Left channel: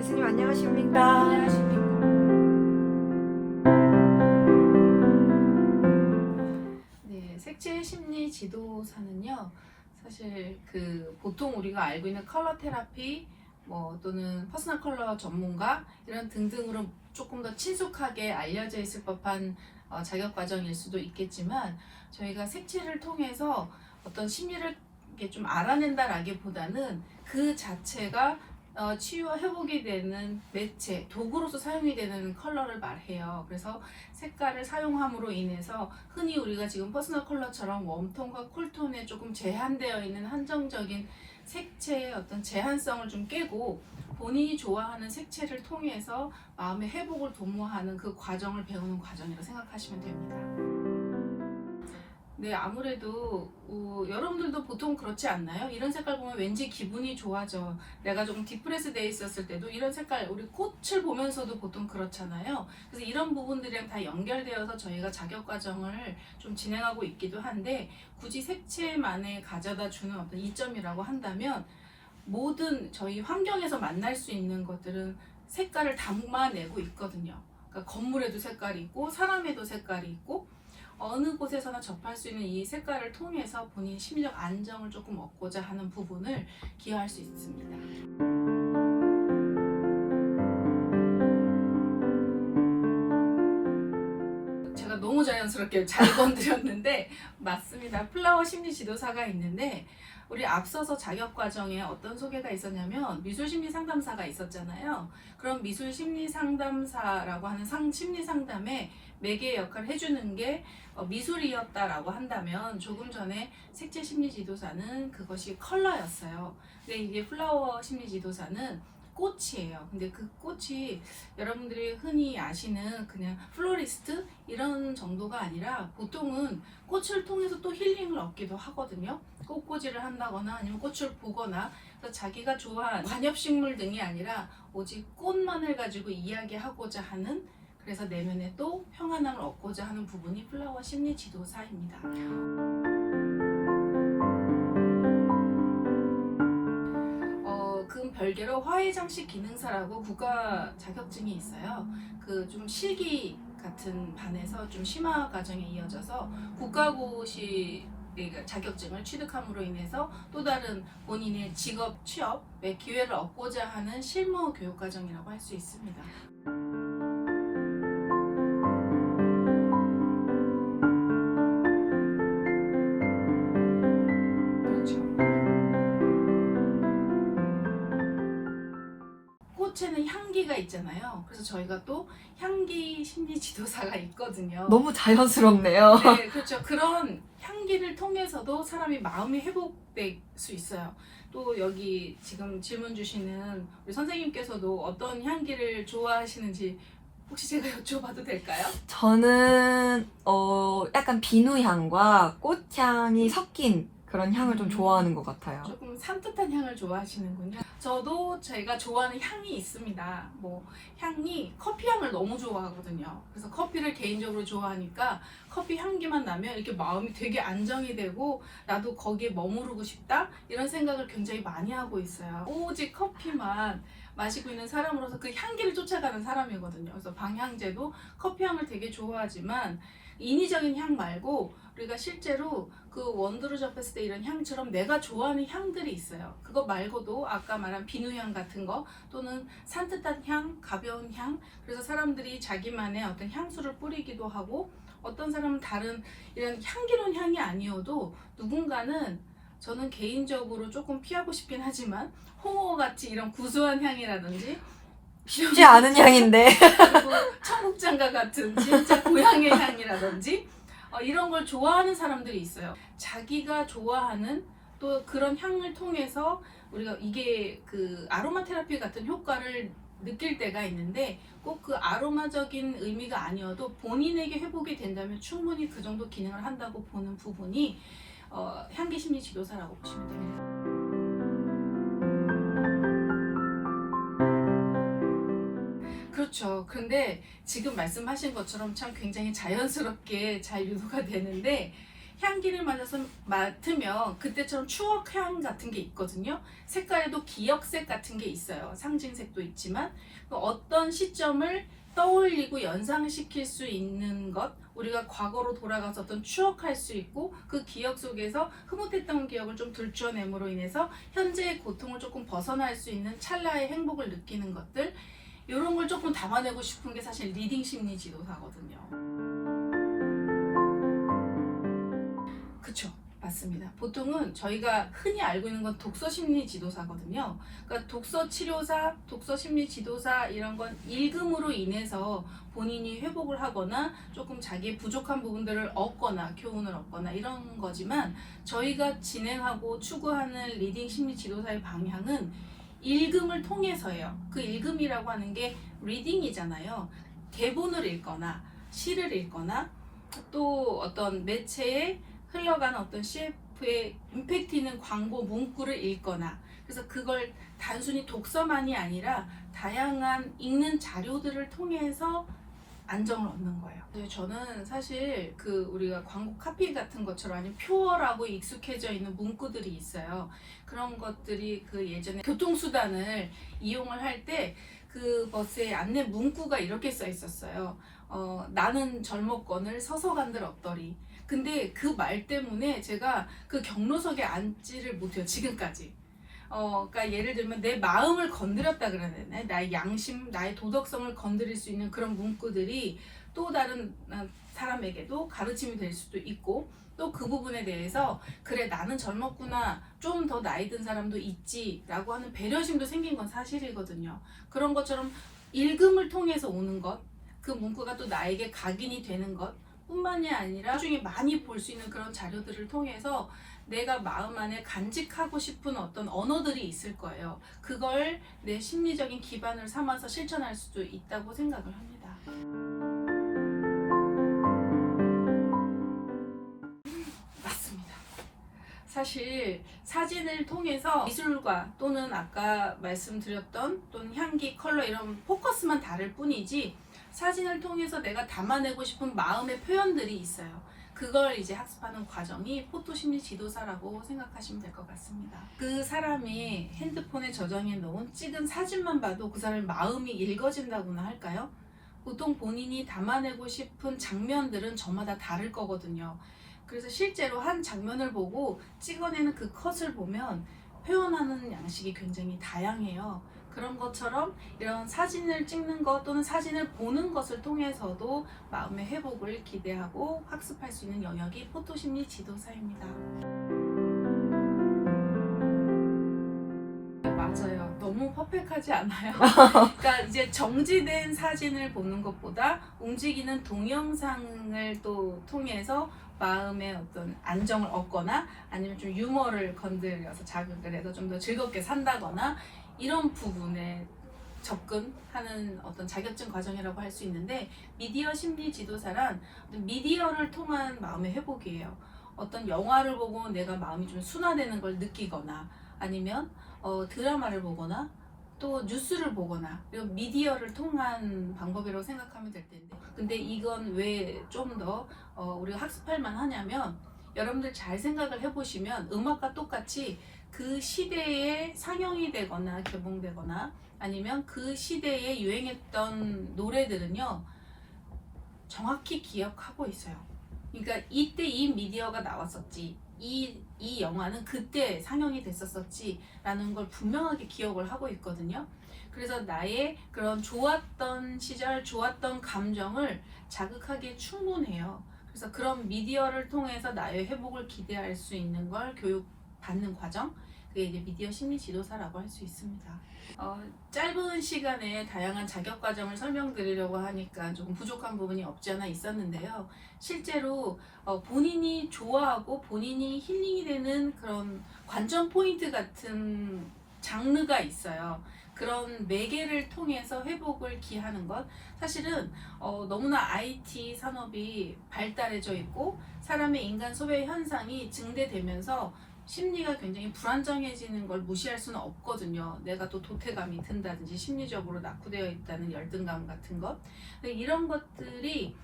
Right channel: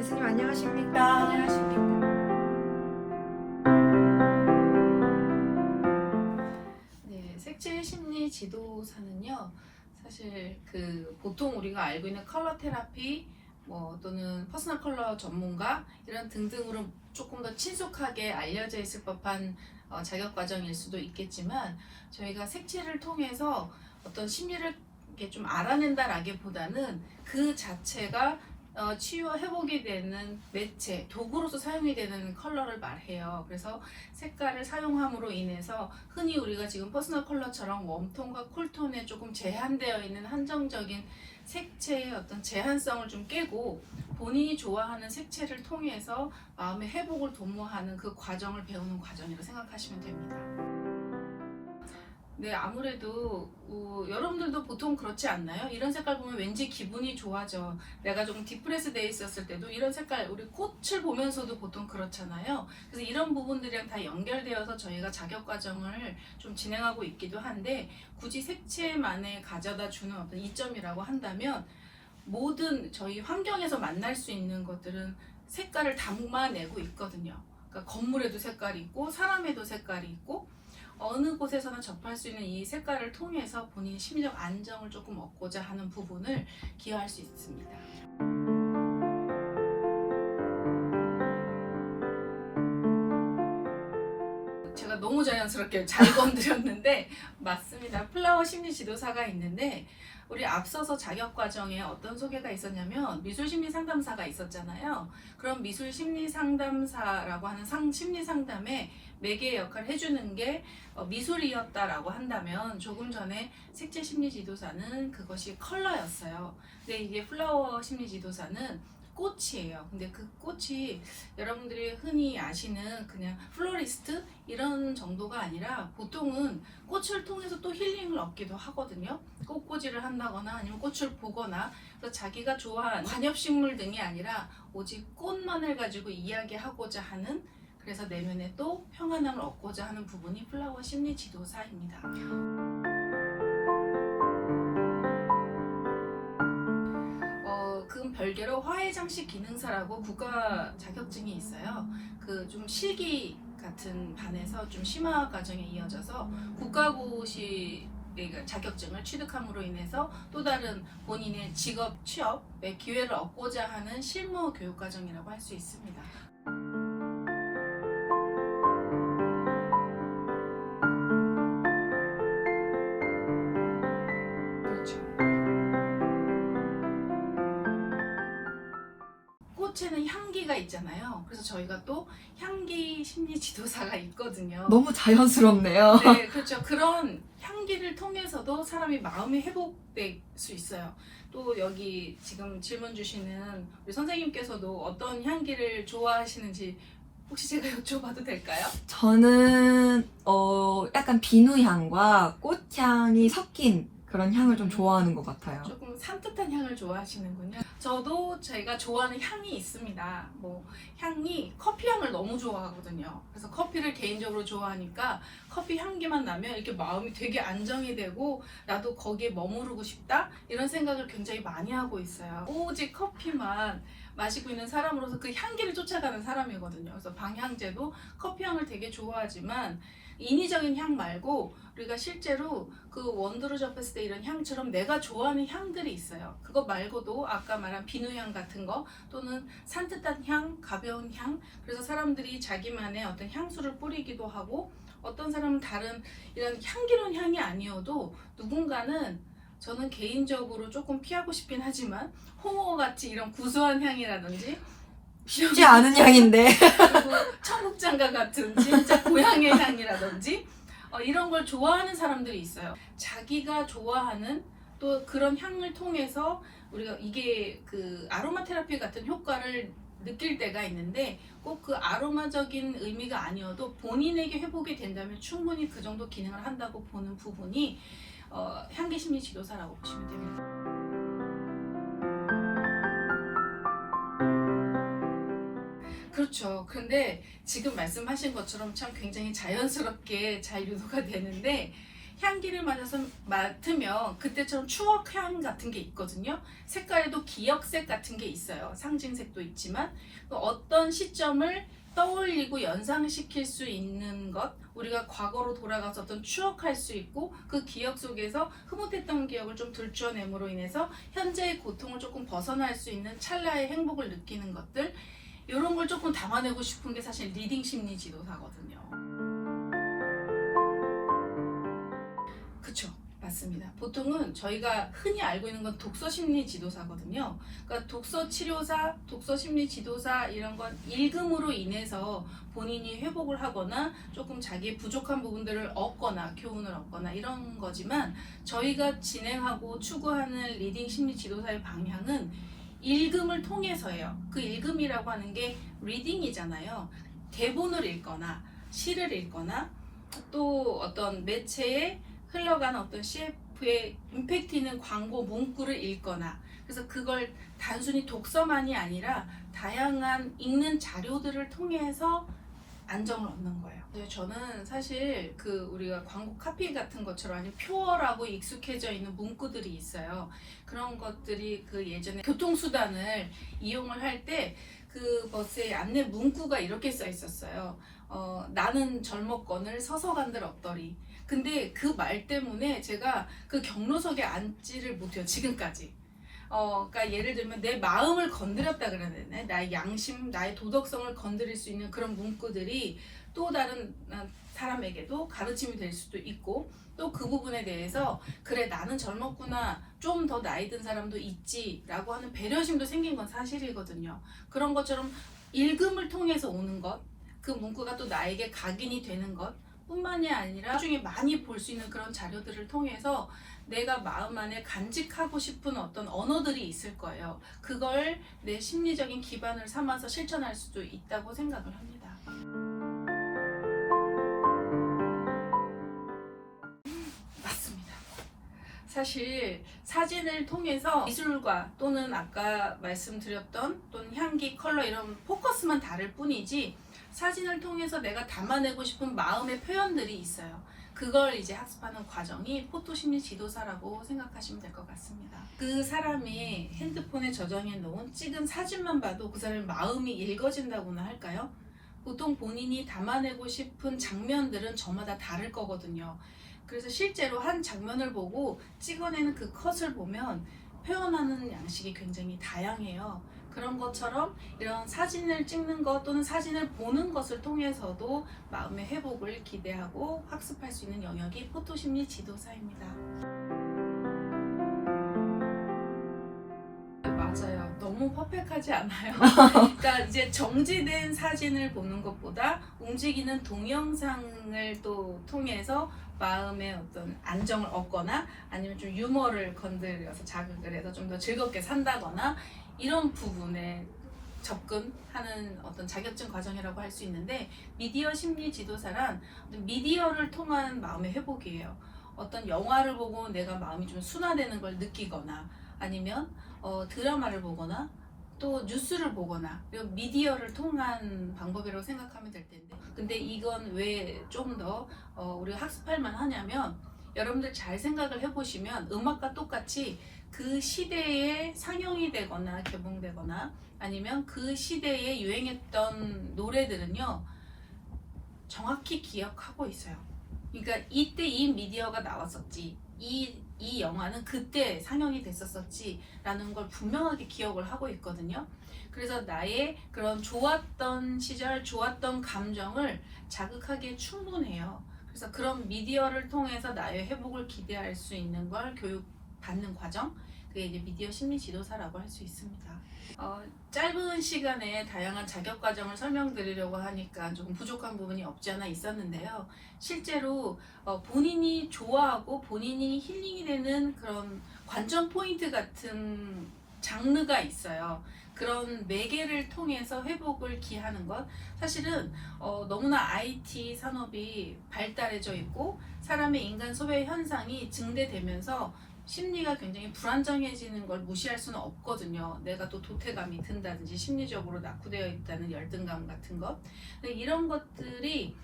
교수님 안녕하십니까? 안녕하십니까. 네, 색칠 심리 지도사는요, 사실 보통 우리가 알고 있는 컬러 테라피, 또는 퍼스널 컬러 전문가 이런 등등으로 조금 더 친숙하게 알려져 있을 법한 자격 과정일 수도 있겠지만, 저희가 색칠을 통해서 어떤 심리를 이렇게 좀 알아낸다라기보다는 그 자체가 치유와 회복이 되는 매체, 도구로서 사용이 되는 컬러를 말해요. 그래서 색깔을 사용함으로 인해서 흔히 우리가 지금 퍼스널 컬러처럼 웜톤과 쿨톤에 조금 제한되어 있는 한정적인 색채의 어떤 제한성을 좀 깨고 본인이 좋아하는 색채를 통해서 마음의 회복을 도모하는 그 과정을 배우는 과정이라고 생각하시면 됩니다. 네, 아무래도 여러분들도 보통 그렇지 않나요? 이런 색깔 보면 왠지 기분이 좋아져. 내가 조금 디프레스 돼 있었을 때도 이런 색깔, 우리 꽃을 보면서도 보통 그렇잖아요. 그래서 이런 부분들이랑 다 연결되어서 저희가 자격 과정을 좀 진행하고 있기도 한데, 굳이 색채만에 가져다 주는 어떤 이점이라고 한다면, 모든 저희 환경에서 만날 수 있는 것들은 색깔을 담아내고 있거든요. 그러니까 건물에도 색깔이 있고 사람에도 색깔이 있고, 어느 곳에서나 접할 수 있는 이 색깔을 통해서 본인 심리적 안정을 조금 얻고자 하는 부분을 기여할 수 있습니다. 제가 너무 자연스럽게 잘 건드렸는데 맞습니다. 플라워 심리 지도사가 있는데, 우리 앞서서 자격 과정에 어떤 소개가 있었냐면 미술 심리 상담사가 있었잖아요. 그럼 미술 심리 상담사라고 하는 심리 상담에 매개 역할을 해주는 게 미술이었다라고 한다면, 조금 전에 색채 심리 지도사는 그것이 컬러였어요. 근데 이게 플라워 심리 지도사는 꽃이에요. 근데 그 꽃이 여러분들이 흔히 아시는 그냥 플로리스트 이런 정도가 아니라, 보통은 꽃을 통해서 또 힐링을 얻기도 하거든요. 꽃꽂이를 한다거나 아니면 꽃을 보거나, 그래서 자기가 좋아하는 관엽식물 등이 아니라 오직 꽃만을 가지고 이야기하고자 하는, 그래서 내면에 또 평안함을 얻고자 하는 부분이 플라워 심리 지도사입니다. 그 별개로 화훼장식 기능사라고 국가 자격증이 있어요. 그 좀 실기 같은 반에서 좀 심화 과정에 이어져서 국가고시 자격증을 취득함으로 인해서 또 다른 본인의 직업 취업의 기회를 얻고자 하는 실무 교육 과정이라고 할 수 있습니다. 그렇죠. 꽃에는 향기가 있잖아요. 그래서 저희가 또 향기 심리 지도사가 있거든요. 너무 자연스럽네요. 네, 그렇죠. 그런 향기를 통해서도 사람이 마음이 회복될 수 있어요. 또 여기 지금 질문 주시는 우리 선생님께서도 어떤 향기를 좋아하시는지 혹시 제가 여쭤봐도 될까요? 저는 약간 비누향과 꽃향이 섞인 그런 향을 좀 좋아하는 것 같아요. 조금 산뜻한 향을 좋아하시는군요. 저도 제가 좋아하는 향이 있습니다. 향이 커피 향을 너무 좋아하거든요. 그래서 커피를 개인적으로 좋아하니까 커피 향기만 나면 이렇게 마음이 되게 안정이 되고, 나도 거기에 머무르고 싶다 이런 생각을 굉장히 많이 하고 있어요. 오직 커피만 마시고 있는 사람으로서 그 향기를 쫓아가는 사람이거든요. 그래서 방향제도 커피 향을 되게 좋아하지만, 인위적인 향 말고 우리가 실제로 그 원두를 접했을 때 이런 향처럼 내가 좋아하는 향들이 있어요. 그거 말고도 아까 말한 비누향 같은 거, 또는 산뜻한 향, 가벼운 향, 그래서 사람들이 자기만의 어떤 향수를 뿌리기도 하고, 어떤 사람은 다른 이런 향기로운 향이 아니어도 누군가는, 저는 개인적으로 조금 피하고 싶긴 하지만 홍어같이 이런 구수한 향이라든지, 쉽지 않은 향인데. 그리고 청국장과 같은 진짜 고향의 향이라든지 이런 걸 좋아하는 사람들이 있어요. 자기가 좋아하는 또 그런 향을 통해서 우리가 이게 그 아로마 테라피 같은 효과를 느낄 때가 있는데, 꼭 그 아로마적인 의미가 아니어도 본인에게 회복이 된다면 충분히 그 정도 기능을 한다고 보는 부분이 향기 심리 지도사라고 보시면 됩니다. 그렇죠. 근데 지금 말씀하신 것처럼 참 굉장히 자연스럽게 잘 유도가 되는데, 향기를 맡으면 그때처럼 추억향 같은 게 있거든요. 색깔에도 기억색 같은 게 있어요. 상징색도 있지만 어떤 시점을 떠올리고 연상시킬 수 있는 것, 우리가 과거로 돌아가서 어떤 추억할 수 있고 그 기억 속에서 흐뭇했던 기억을 좀 들춰냄으로 인해서 현재의 고통을 조금 벗어날 수 있는 찰나의 행복을 느끼는 것들, 이런 걸 조금 담아내고 싶은 게 사실 리딩 심리 지도사거든요. 그쵸, 맞습니다. 보통은 저희가 흔히 알고 있는 건 독서 심리 지도사거든요. 그러니까 독서 치료사, 독서 심리 지도사 이런 건 읽음으로 인해서 본인이 회복을 하거나 조금 자기의 부족한 부분들을 얻거나 교훈을 얻거나 이런 거지만, 저희가 진행하고 추구하는 리딩 심리 지도사의 방향은 읽음을 통해서예요. 그 읽음이라고 하는 게 리딩이잖아요. 대본을 읽거나 시를 읽거나 또 어떤 매체에 흘러가는 어떤 CF의 임팩트 있는 광고 문구를 읽거나, 그래서 그걸 단순히 독서만이 아니라 다양한 읽는 자료들을 통해서 안정을 얻는 거예요. 근데 저는 사실 그 우리가 광고 카피 같은 것처럼 아니면 표어라고 익숙해져 있는 문구들이 있어요. 그런 것들이 그 예전에 교통수단을 이용을 할 때 그 버스에 안내 문구가 이렇게 써 있었어요. 나는 젊었거늘 서서 간들 어떠리. 근데 그 말 때문에 제가 그 경로석에 앉지를 못해요, 지금까지. 그러니까 예를 들면 내 마음을 건드렸다 그래야 되나? 나의 양심, 나의 도덕성을 건드릴 수 있는 그런 문구들이 또 다른 사람에게도 가르침이 될 수도 있고, 또 그 부분에 대해서 그래 나는 젊었구나, 좀 더 나이 든 사람도 있지 라고 하는 배려심도 생긴 건 사실이거든요. 그런 것처럼 읽음을 통해서 오는 것, 그 문구가 또 나에게 각인이 되는 것 뿐만이 아니라 나중에 많이 볼 수 있는 그런 자료들을 통해서 내가 마음 안에 간직하고 싶은 어떤 언어들이 있을 거예요. 그걸 내 심리적인 기반을 삼아서 실천할 수도 있다고 생각을 합니다. 맞습니다. 사실 사진을 통해서 미술과 또는 아까 말씀드렸던 또는 향기, 컬러 이런 포커스만 다를 뿐이지, 사진을 통해서 내가 담아내고 싶은 마음의 표현들이 있어요. 그걸 이제 학습하는 과정이 포토심리 지도사라고 생각하시면 될 것 같습니다. 그 사람이 핸드폰에 저장해 놓은 찍은 사진만 봐도 그 사람의 마음이 읽어진다고나 할까요? 보통 본인이 담아내고 싶은 장면들은 저마다 다를 거거든요. 그래서 실제로 한 장면을 보고 찍어내는 그 컷을 보면 표현하는 양식이 굉장히 다양해요. 그런 것처럼 이런 사진을 찍는 것 또는 사진을 보는 것을 통해서도 마음의 회복을 기대하고 학습할 수 있는 영역이 포토심리 지도사입니다. 맞아요. 너무 퍼펙트하지 않아요? 그러니까 이제 정지된 사진을 보는 것보다 움직이는 동영상을 또 통해서 마음의 어떤 안정을 얻거나 아니면 좀 유머를 건드려서 자극을 해서 좀 더 즐겁게 산다거나 이런 부분에 접근하는 어떤 자격증 과정이라고 할 수 있는데, 미디어 심리 지도사란 미디어를 통한 마음의 회복이에요. 어떤 영화를 보고 내가 마음이 좀 순화되는 걸 느끼거나 아니면 드라마를 보거나 또 뉴스를 보거나 이런 미디어를 통한 방법이라고 생각하면 될 텐데, 근데 이건 왜 좀 더 우리가 학습할 만하냐면, 여러분들 잘 생각을 해보시면 음악과 똑같이 그 시대에 상영이 되거나 개봉되거나 아니면 그 시대에 유행했던 노래들은요 정확히 기억하고 있어요. 그러니까 이때 이 미디어가 나왔었지, 이 영화는 그때 상영이 됐었었지 라는 걸 분명하게 기억을 하고 있거든요. 그래서 나의 그런 좋았던 시절, 좋았던 감정을 자극하기에 충분해요. 그래서 그런 미디어를 통해서 나의 회복을 기대할 수 있는 걸 교육받는 과정, 그게 이제 미디어 심리 지도사라고 할 수 있습니다. 짧은 시간에 다양한 자격 과정을 설명드리려고 하니까 조금 부족한 부분이 없지 않아 있었는데요. 실제로 본인이 좋아하고 본인이 힐링이 되는 그런 관전 포인트 같은 장르가 있어요. 그런 매개를 통해서 회복을 기하는 것, 사실은 너무나 IT 산업이 발달해져 있고 사람의 인간 소외 현상이 증대되면서 심리가 굉장히 불안정해지는 걸 무시할 수는 없거든요. 내가 또 도태감이 든다든지 심리적으로 낙후되어 있다는 열등감 같은 것. 근데 이런 것들이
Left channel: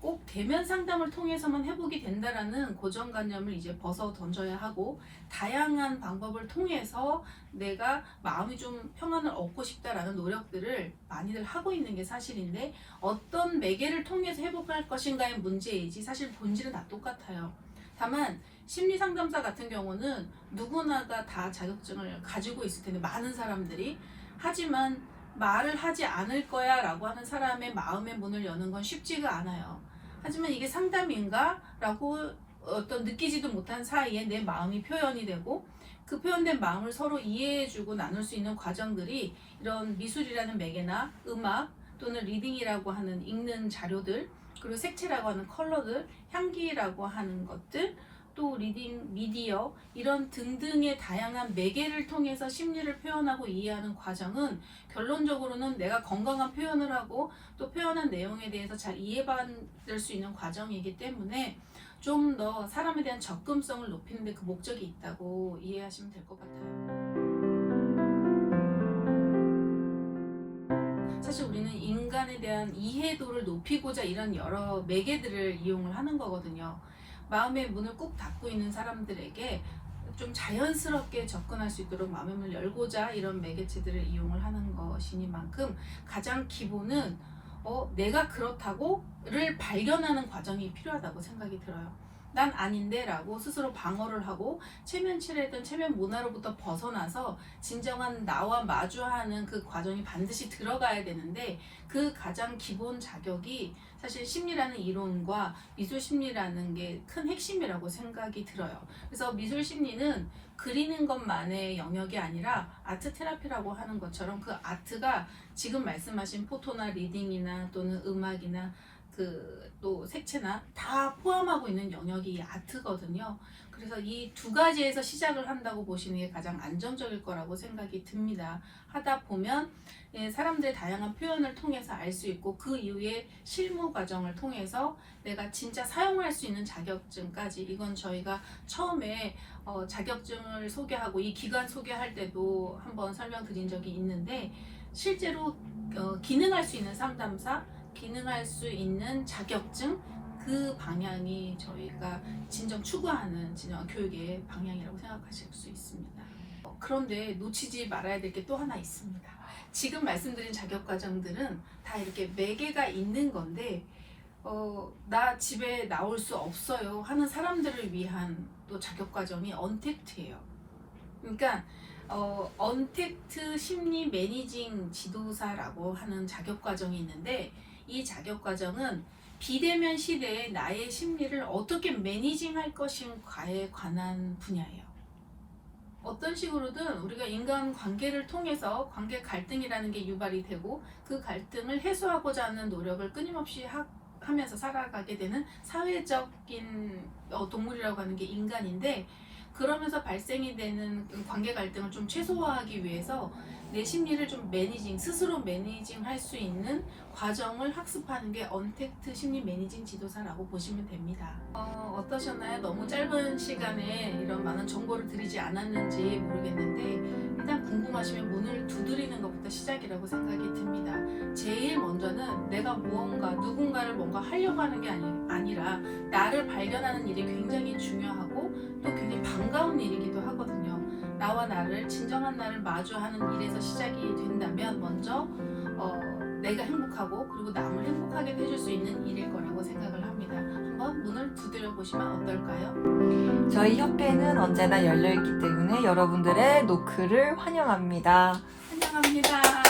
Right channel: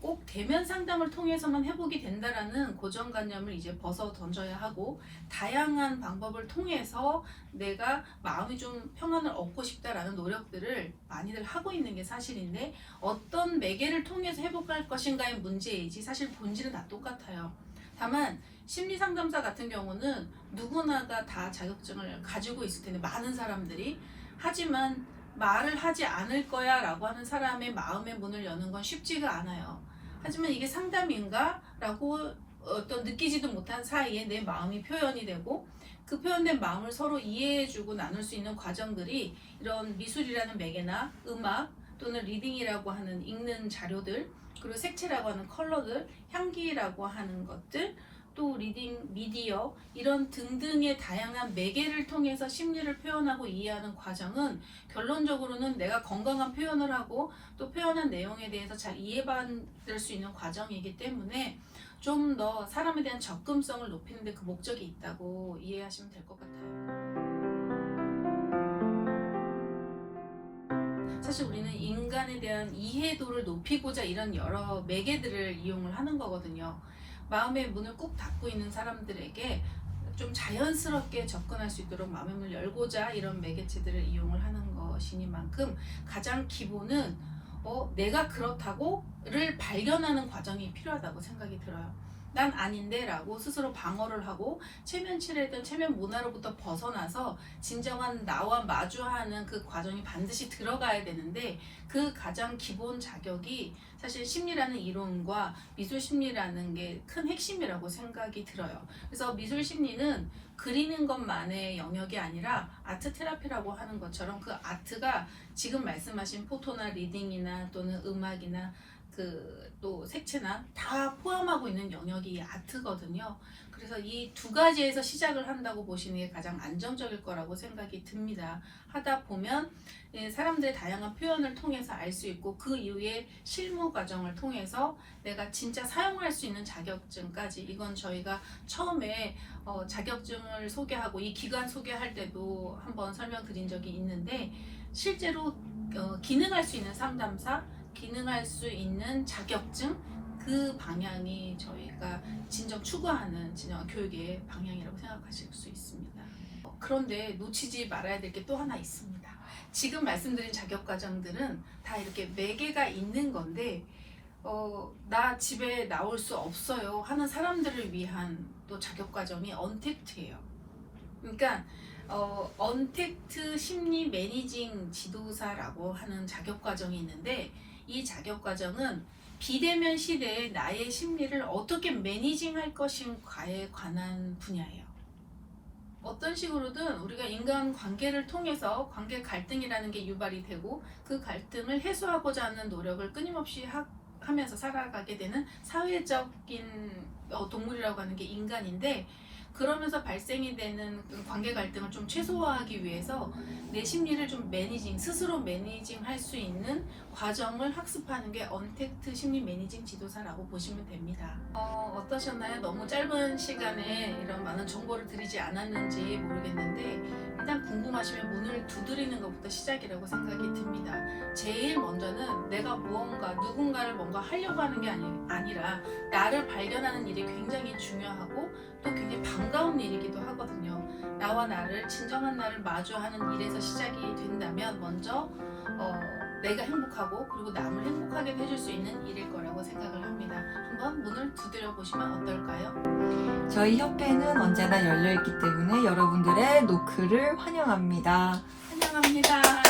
꼭 대면 상담을 통해서만 회복이 된다라는 고정관념을 이제 벗어 던져야 하고, 다양한 방법을 통해서 내가 마음이 좀 평안을 얻고 싶다라는 노력들을 많이들 하고 있는 게 사실인데, 어떤 매개를 통해서 회복할 것인가의 문제이지 사실 본질은 다 똑같아요. 다만 심리상담사 같은 경우는 누구나가 다 자격증을 가지고 있을 텐데, 많은 사람들이. 하지만 말을 하지 않을 거야 라고 하는 사람의 마음의 문을 여는 건 쉽지가 않아요. 하지만 이게 상담인가? 라고 어떤 느끼지도 못한 사이에 내 마음이 표현이 되고, 그 표현된 마음을 서로 이해해주고 나눌 수 있는 과정들이 이런 미술이라는 매개나 음악 또는 리딩이라고 하는 읽는 자료들, 그리고 색채라고 하는 컬러들, 향기라고 하는 것들, 또 리딩, 미디어 이런 등등의 다양한 매개를 통해서 심리를 표현하고 이해하는 과정은 결론적으로는 내가 건강한 표현을 하고 또 표현한 내용에 대해서 잘 이해받을 수 있는 과정이기 때문에 좀 더 사람에 대한 접근성을 높이는 데 그 목적이 있다고 이해하시면 될 것 같아요. 사실 우리는 인간에 대한 이해도를 높이고자 이런 여러 매개들을 이용을 하는 거거든요. 마음의 문을 꾹 닫고 있는 사람들에게 좀 자연스럽게 접근할 수 있도록 마음의 문을 열고자 이런 매개체들을 이용을 하는 것이니만큼 가장 기본은 내가 그렇다고를 발견하는 과정이 필요하다고 생각이 들어요. 난 아닌데 라고 스스로 방어를 하고 체면치레든 체면 문화로부터 벗어나서 진정한 나와 마주하는 그 과정이 반드시 들어가야 되는데, 그 가장 기본 자격이 사실 심리라는 이론과 미술 심리라는 게 큰 핵심이라고 생각이 들어요. 그래서 미술 심리는 그리는 것만의 영역이 아니라 아트 테라피라고 하는 것처럼 그 아트가 지금 말씀하신 포토나 리딩이나 또는 음악이나 또 색채나 다 포함하고 있는 영역이 아트거든요. 그래서 이 두 가지에서 시작을 한다고 보시는 게 가장 안정적일 거라고 생각이 듭니다. 하다 보면 사람들의 다양한 표현을 통해서 알 수 있고, 그 이후에 실무 과정을 통해서 내가 진짜 사용할 수 있는 자격증까지, 이건 저희가 처음에 자격증을 소개하고 이 기관 소개할 때도 한번 설명드린 적이 있는데, 실제로 기능할 수 있는 상담사, 기능할 수 있는 자격증, 그 방향이 저희가 진정 추구하는 진정한 교육의 방향이라고 생각하실 수 있습니다. 그런데 놓치지 말아야 될 게 또 하나 있습니다. 지금 말씀드린 자격과정들은 다 이렇게 매개가 있는 건데, 나 집에 나올 수 없어요 하는 사람들을 위한 또 자격과정이 언택트예요. 그러니까 언택트 심리 매니징 지도사라고 하는 자격과정이 있는데, 이 자격과정은 비대면 시대에 나의 심리를 어떻게 매니징할 것인가에 관한 분야예요. 어떤 식으로든 우리가 인간 관계를 통해서 관계 갈등이라는 게 유발이 되고, 그 갈등을 해소하고자 하는 노력을 끊임없이 하면서 살아가게 되는 사회적인 동물이라고 하는 게 인간인데, 그러면서 발생이 되는 관계 갈등을 좀 최소화하기 위해서 내 심리를 좀 스스로 매니징 할 수 있는 과정을 학습하는 게 언택트 심리 매니징 지도사라고 보시면 됩니다. 어떠셨나요? 너무 짧은 시간에 이런 많은 정보를 드리지 않았는지 모르겠는데, 일단 궁금하시면 문을 두드리는 것부터 시작이라고 생각이 듭니다. 제일 먼저는 내가 누군가를 뭔가 하려고 하는 게 아니라 나를 발견하는 일이 굉장히 중요하고 또 굉장히 반가운 일이기도 하거든요. 나와 나를, 진정한 나를 마주하는 일에서 시작이 된다면 먼저 내가 행복하고 그리고 남을 행복하게 해줄 수 있는 일일 거라고 생각을 합니다. 한번 문을 두드려 보시면 어떨까요? 저희 협회는 언제나 열려있기 때문에 여러분들의 노크를 환영합니다. 환영합니다.